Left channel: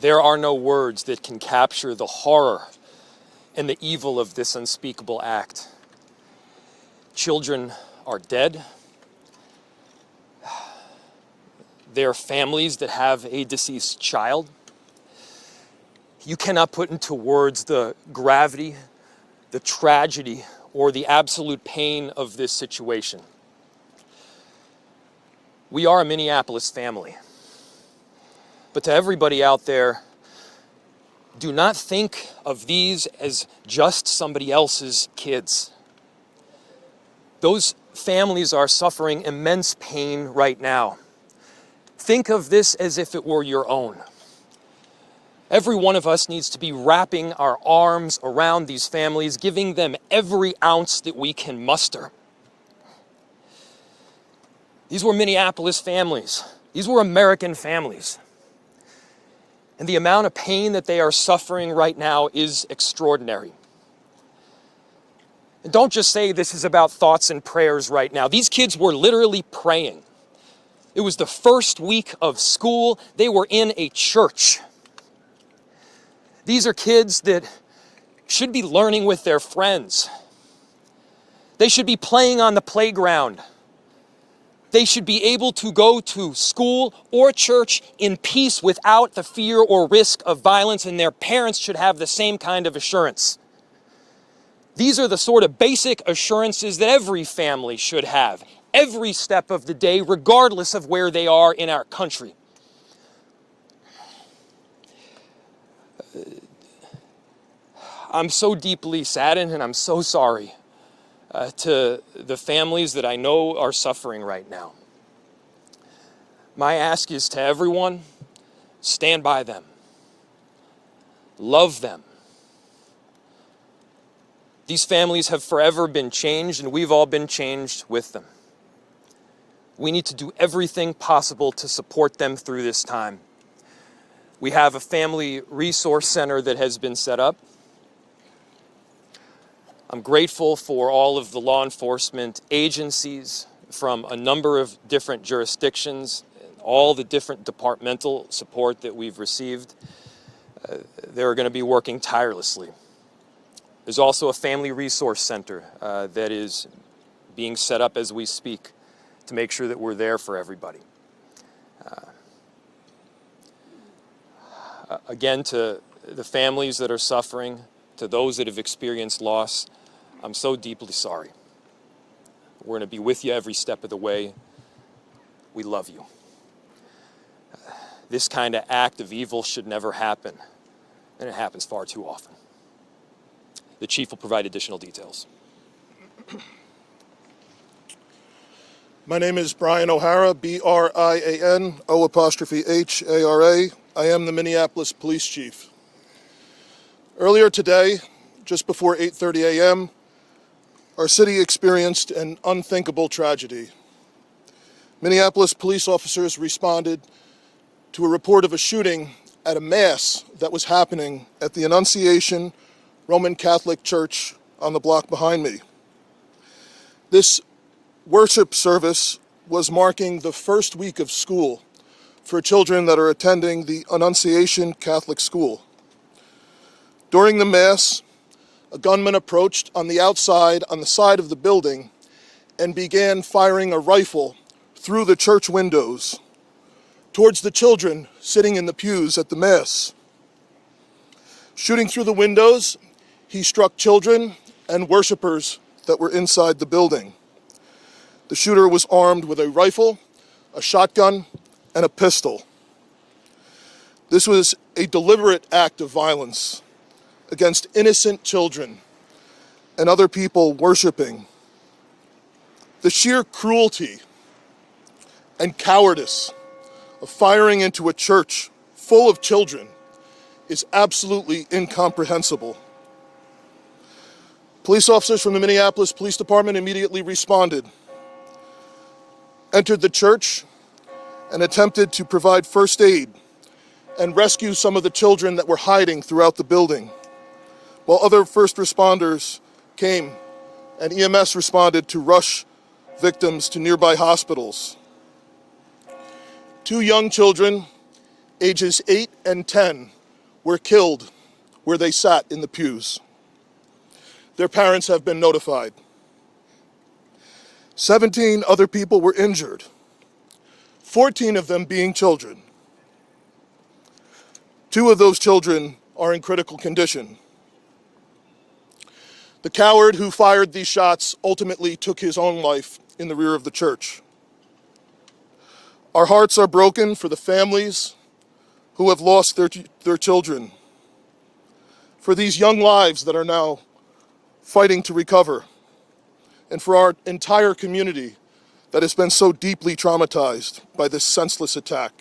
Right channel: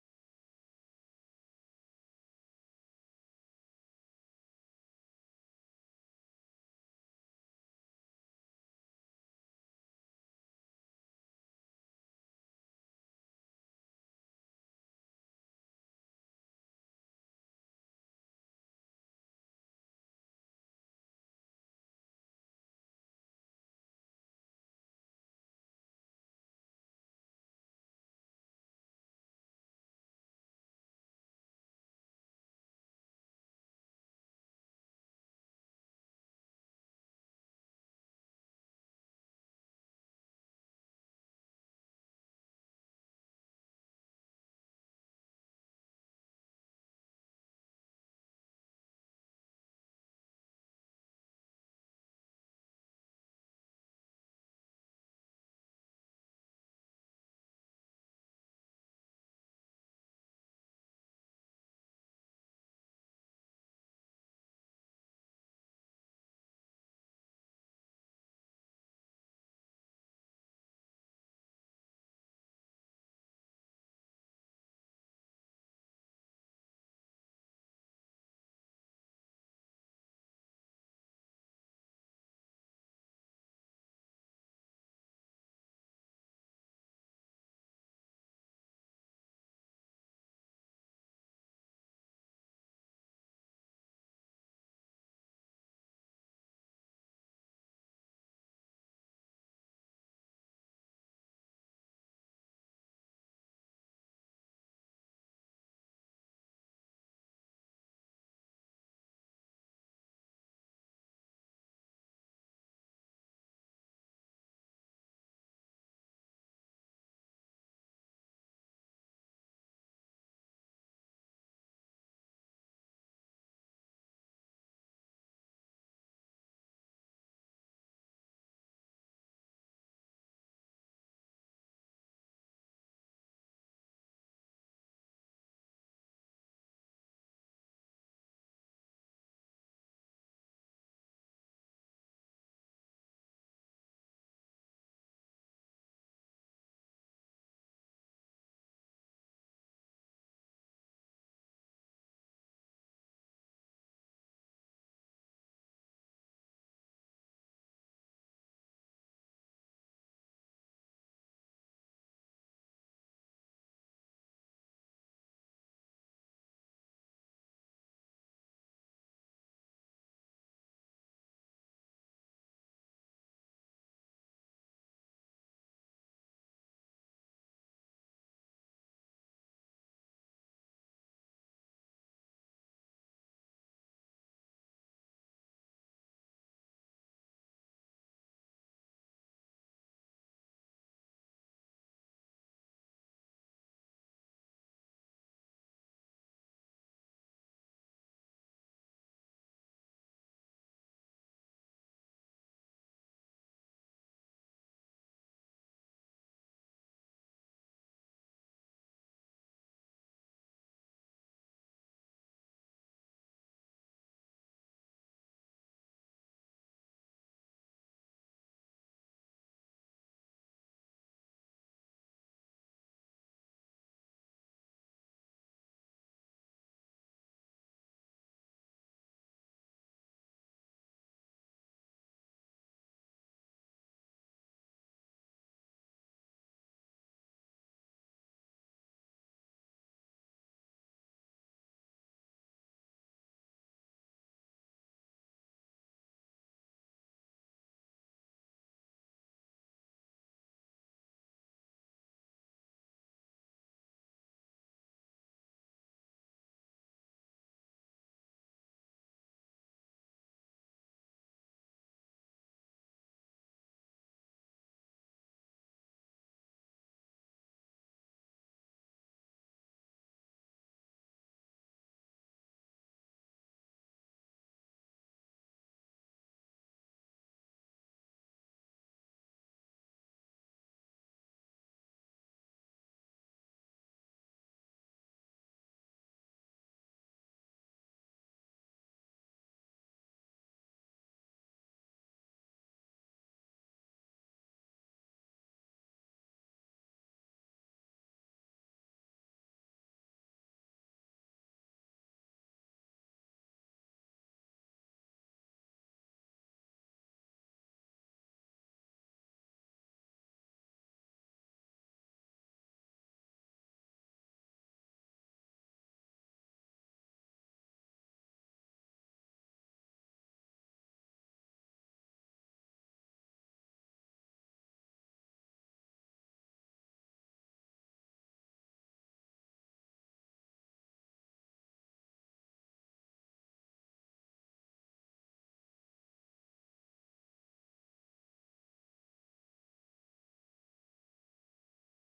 There are no words that can capture the horror and the evil of this unspeakable act. Children are dead. There are families that have a deceased child. You cannot put into words the gravity, the tragedy, or the absolute pain of this situation. We are a Minneapolis family. But to everybody out there, do not think of these as just somebody else's kids. Those families are suffering immense pain right now. Think of this as if it were your own. Every one of us needs to be wrapping our arms around these families, giving them every ounce that we can muster. These were Minneapolis families. These were American families. And the amount of pain that they are suffering right now is extraordinary. And don't just say this is about thoughts and prayers right now. These kids were literally praying. It was the first week of school. They were in a church. These are kids that should be learning with their friends. They should be playing on the playground. They should be able to go to school or church in peace without the fear or risk of violence, and their parents should have the same kind of assurance. These are the sort of basic assurances that every family should have, every step of the day, regardless of where they are in our country. I'm so deeply saddened, and I'm so sorry to the families that I know are suffering right now. My ask is to everyone, stand by them. Love them. These families have forever been changed, and we've all been changed with them. We need to do everything possible to support them through this time. We have a family resource center that has been set up. I'm grateful for all of the law enforcement agencies from a number of different jurisdictions, all the different departmental support that we've received. They're going to be working tirelessly. There's also a family resource center that is being set up as we speak to make sure that we're there for everybody. Again, to the families that are suffering, to those that have experienced loss, I'm so deeply sorry. We're going to be with you every step of the way. We love you. This kind of act of evil should never happen, and it happens far too often. The chief will provide additional details. My name is Brian O'Hara, B-R-I-A-N, O''H-A-R-A. I am the Minneapolis Police Chief. Earlier today, just before 8:30 a.m., our city experienced an unthinkable tragedy. Minneapolis police officers responded to a report of a shooting at a mass that was happening at the Annunciation Roman Catholic Church on the block behind me. This worship service was marking the first week of school for children that are attending the Annunciation Catholic School. During the Mass, a gunman approached on the side of the building, and began firing a rifle through the church windows towards the children sitting in the pews at the Mass. Shooting through the windows, he struck children and worshipers that were inside the building. The shooter was armed with a rifle, a shotgun, and a pistol. This was a deliberate act of violence against innocent children and other people worshiping. The sheer cruelty and cowardice of firing into a church full of children is absolutely incomprehensible. Police officers from the Minneapolis Police Department immediately responded, entered the church, and attempted to provide first aid and rescue some of the children that were hiding throughout the building, while other first responders came and EMS responded to rush victims to nearby hospitals. 2 young children, ages 8 and 10, were killed where they sat in the pews. Their parents have been notified. 17 other people were injured, 14 of them being children. 2 of those children are in critical condition. The coward who fired these shots ultimately took his own life in the rear of the church. Our hearts are broken for the families who have lost their children, for these young lives that are now fighting to recover, and for our entire community that has been so deeply traumatized by this senseless attack.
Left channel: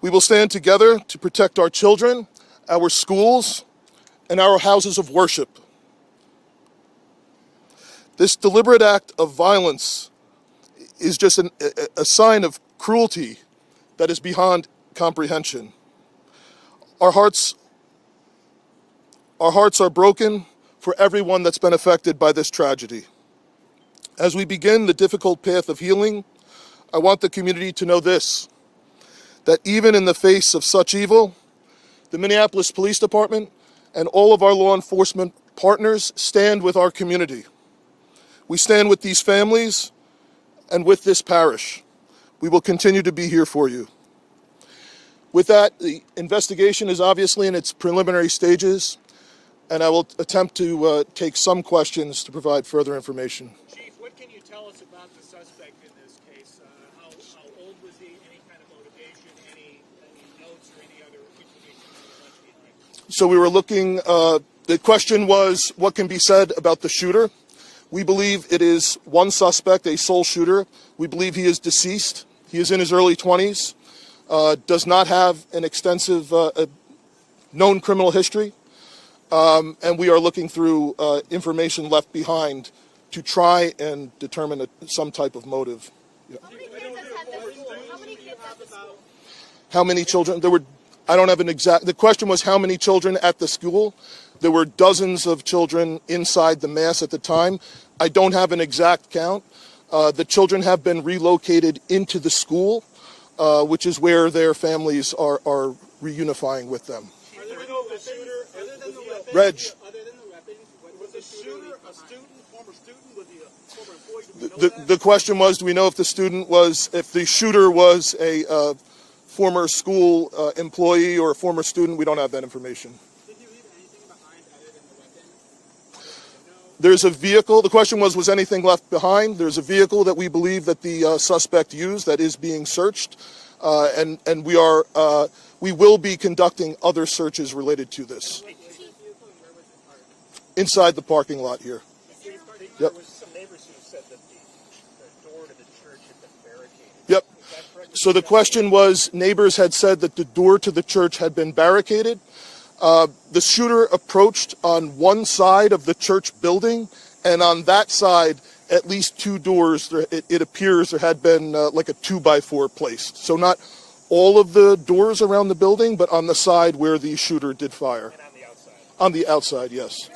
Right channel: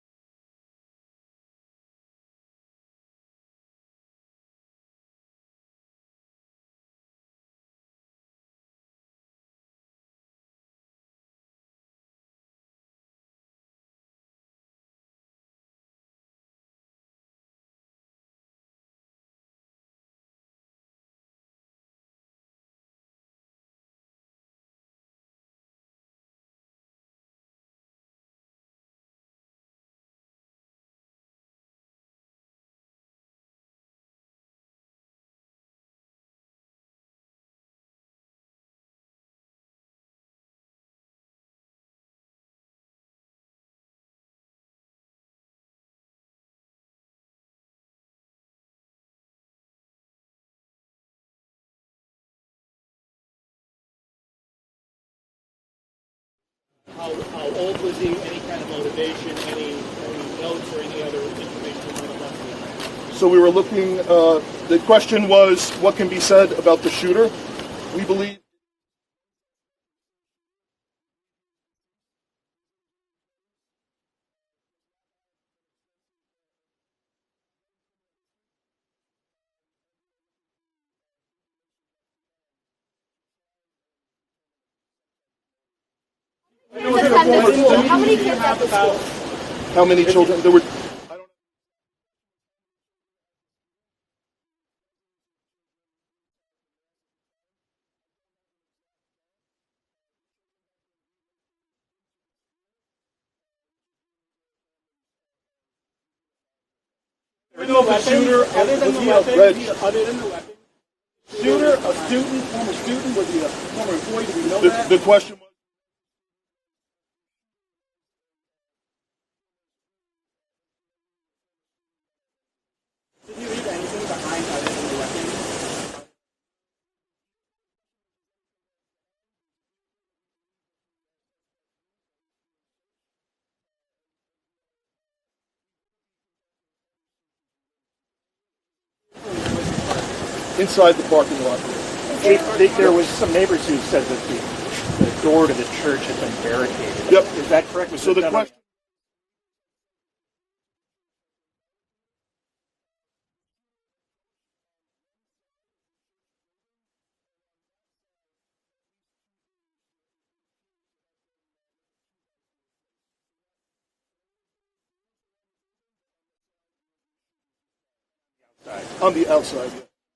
We will stand together to protect our children, our schools, and our houses of worship. This deliberate act of violence is just a sign of cruelty that is beyond comprehension. Our hearts are broken for everyone that's been affected by this tragedy. As we begin the difficult path of healing, I want the community to know this, that even in the face of such evil, the Minneapolis Police Department and all of our law enforcement partners stand with our community. We stand with these families and with this parish. We will continue to be here for you. With that, the investigation is obviously in its preliminary stages, and I will attempt to take some questions to provide further information. Chief, what can you tell us about the suspect in this case? How old was he? Any kind of motivation? Any notes or any other information you might have left behind? So we were looking, the question was, what can be said about the shooter? We believe it is one suspect, a sole shooter. We believe he is deceased. He is in his early 20s, does not have an extensive known criminal history, and we are looking through information left behind to try and determine some type of motive. Yeah. How many kids at the school? How many children? There were, I don't have an exact, the question was how many children at the school. There were dozens of children inside the mass at the time. I don't have an exact count. The children have been relocated into the school, which is where their families are reunifying with them. Other than the weapons, was the shooter a student, former student? Was he a former employee? Do we know that? The question was, do we know if the shooter was a former school employee or a former student? We don't have that information. Did you leave anything behind other than the weapons? There's a vehicle. The question was anything left behind? There's a vehicle that we believe that the suspect used that is being searched, and we will be conducting other searches related to this. Inside the parking lot here. There was some neighbors who said that the door to the church had been barricaded. Yep. Is that correct? So the question was, neighbors had said that the door to the church had been barricaded. The shooter approached on one side of the church building, and on that side, at least 2 doors, it appears there had been like a 2x4 placed. So not all of the doors around the building, but on the side where the shooter did fire. And on the outside? On the outside, yes.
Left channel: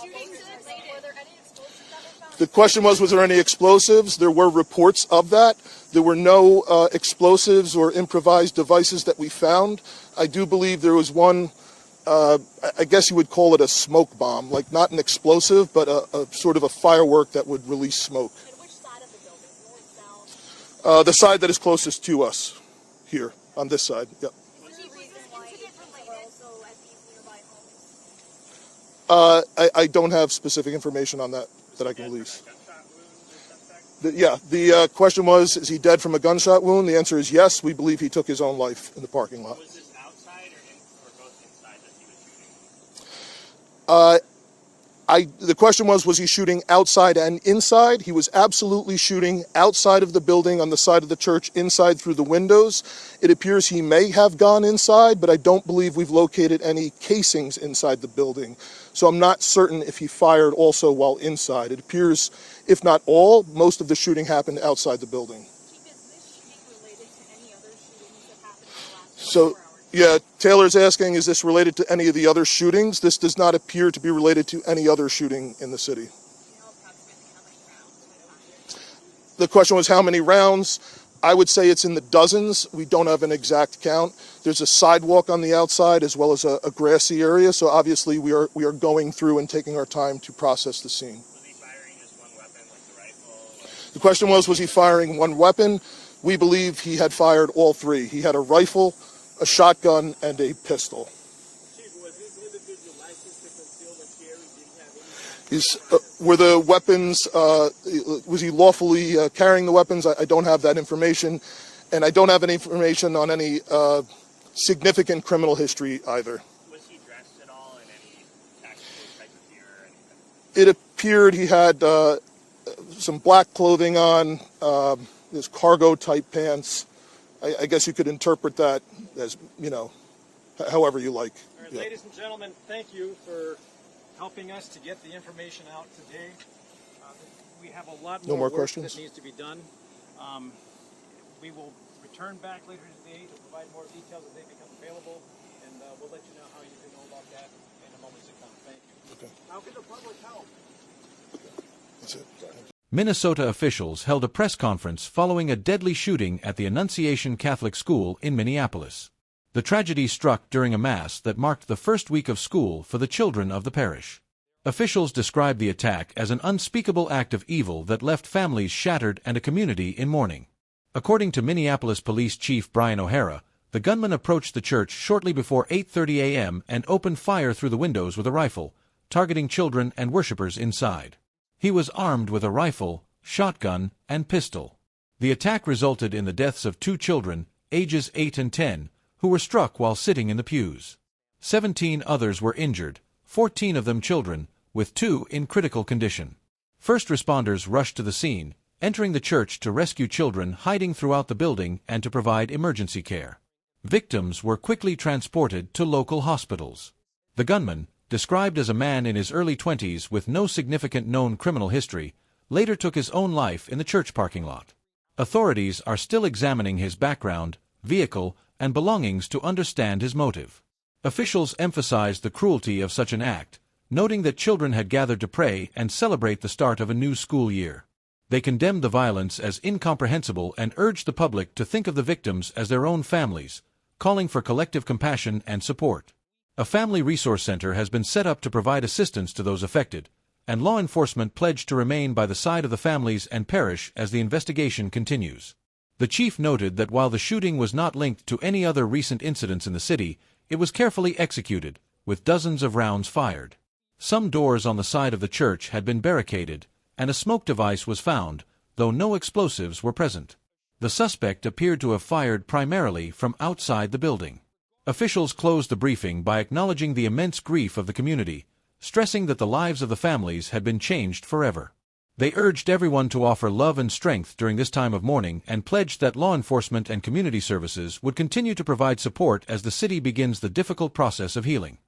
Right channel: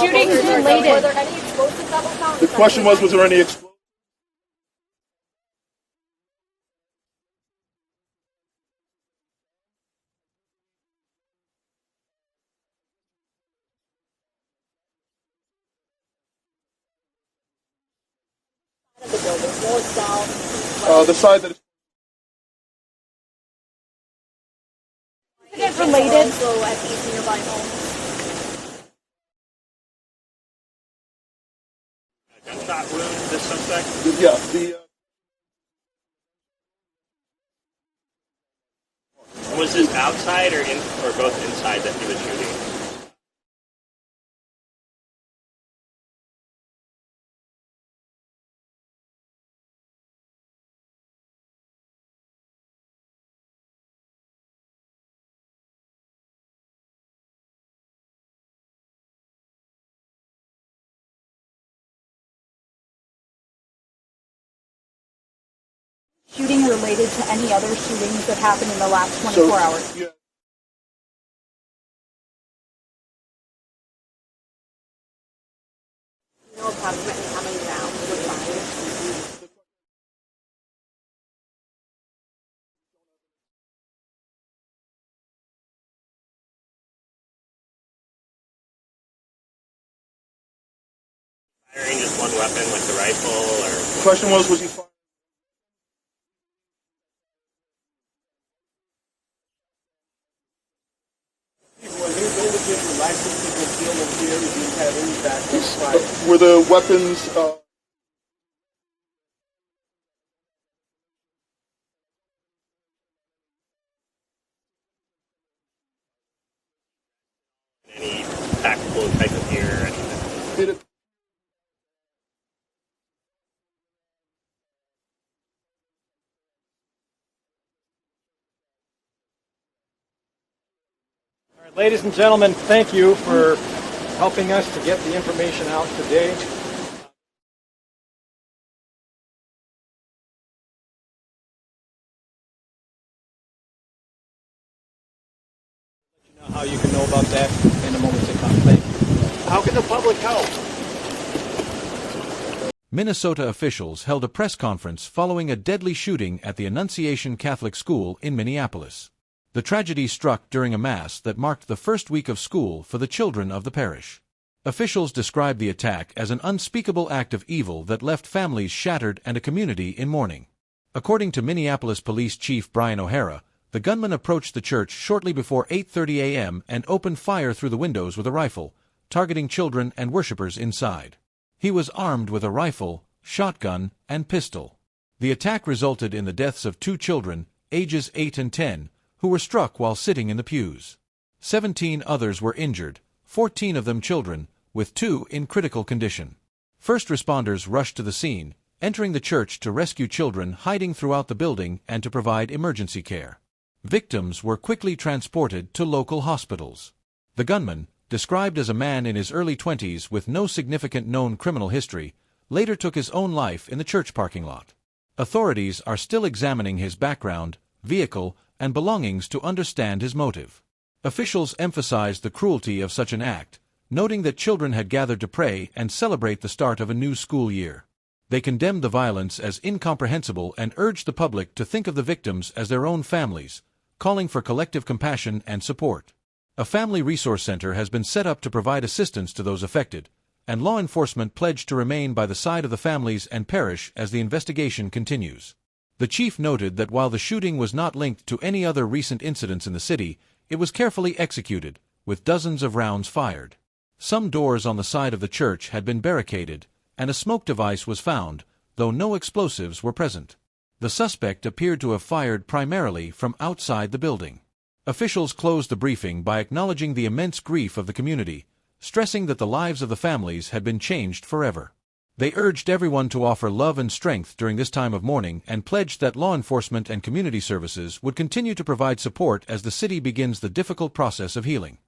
Shootings related. Were there any explosives that were found? The question was there any explosives? There were reports of that. There were no explosives or improvised devices that we found. I do believe there was one, I guess you would call it a smoke bomb, like not an explosive, but a sort of a firework that would release smoke. And which side of the building? North, south? The side that is closest to us, here, on this side. Yep. Incident related. Also at these nearby homes? I don't have specific information on that I can release. Gunshot wound, this suspect? Yeah, the question was, is he dead from a gunshot wound? The answer is yes. We believe he took his own life in the parking lot. Was this outside or both inside that he was shooting? The question was he shooting outside and inside? He was absolutely shooting outside of the building on the side of the church, inside through the windows. It appears he may have gone inside, but I don't believe we've located any casings inside the building. So I'm not certain if he fired also while inside. It appears, if not all, most of the shooting happened outside the building. Shooting related to any other shootings that happened in the last 24 hours? Yeah, Taylor's asking, is this related to any of the other shootings? This does not appear to be related to any other shooting in the city. You know approximately how many rounds were fired? The question was how many rounds. I would say it's in the dozens. We don't have an exact count. There's a sidewalk on the outside as well as a grassy area. So obviously we are going through and taking our time to process the scene. Was he firing just one weapon with the rifle, or? The question was he firing one weapon? We believe he had fired all three. He had a rifle, a shotgun, and a pistol. Were the weapons, was he lawfully carrying the weapons? I don't have that information. And I don't have any information on any significant criminal history either. Was he dressed at all in any tactical type of gear or anything? It appeared he had some black clothing on, his cargo-type pants. I guess you could interpret that as, however you like. All right, ladies and gentlemen, thank you for helping us to get the information out today. We have a lot more work questions? that needs to be done. We will return back later today to provide more details as they become available, and we'll let you know how you can know about that in the moments to come. Thank you. How can the public help? Minnesota officials held a press conference following a deadly shooting at the Annunciation Catholic School in Minneapolis. The tragedy struck during a mass that marked the first week of school for the children of the parish. Officials described the attack as an unspeakable act of evil that left families shattered and a community in mourning. According to Minneapolis Police Chief Brian O'Hara, the gunman approached the church shortly before 8:30 a.m. and opened fire through the windows with a rifle, targeting children and worshippers inside. He was armed with a rifle, shotgun, and pistol. The attack resulted in the deaths of 2 children, ages 8 and 10, who were struck while sitting in the pews. 17 others were injured, 14 of them children, with 2 in critical condition. First responders rushed to the scene, entering the church to rescue children hiding throughout the building and to provide emergency care. Victims were quickly transported to local hospitals. The gunman, described as a man in his early 20s with no significant known criminal history, later took his own life in the church parking lot. Authorities are still examining his background, vehicle, and belongings to understand his motive. Officials emphasized the cruelty of such an act, noting that children had gathered to pray and celebrate the start of a new school year. They condemned the violence as incomprehensible and urged the public to think of the victims as their own families, calling for collective compassion and support. A family resource center has been set up to provide assistance to those affected, and law enforcement pledged to remain by the side of the families and parish as the investigation continues. The chief noted that while the shooting was not linked to any other recent incidents in the city, it was carefully executed, with dozens of rounds fired. Some doors on the side of the church had been barricaded, and a smoke device was found, though no explosives were present. The suspect appeared to have fired primarily from outside the building. Officials closed the briefing by acknowledging the immense grief of the community, stressing that the lives of the families had been changed forever. They urged everyone to offer love and strength during this time of mourning and pledged that law enforcement and community services would continue to provide support as the city begins the difficult process of healing.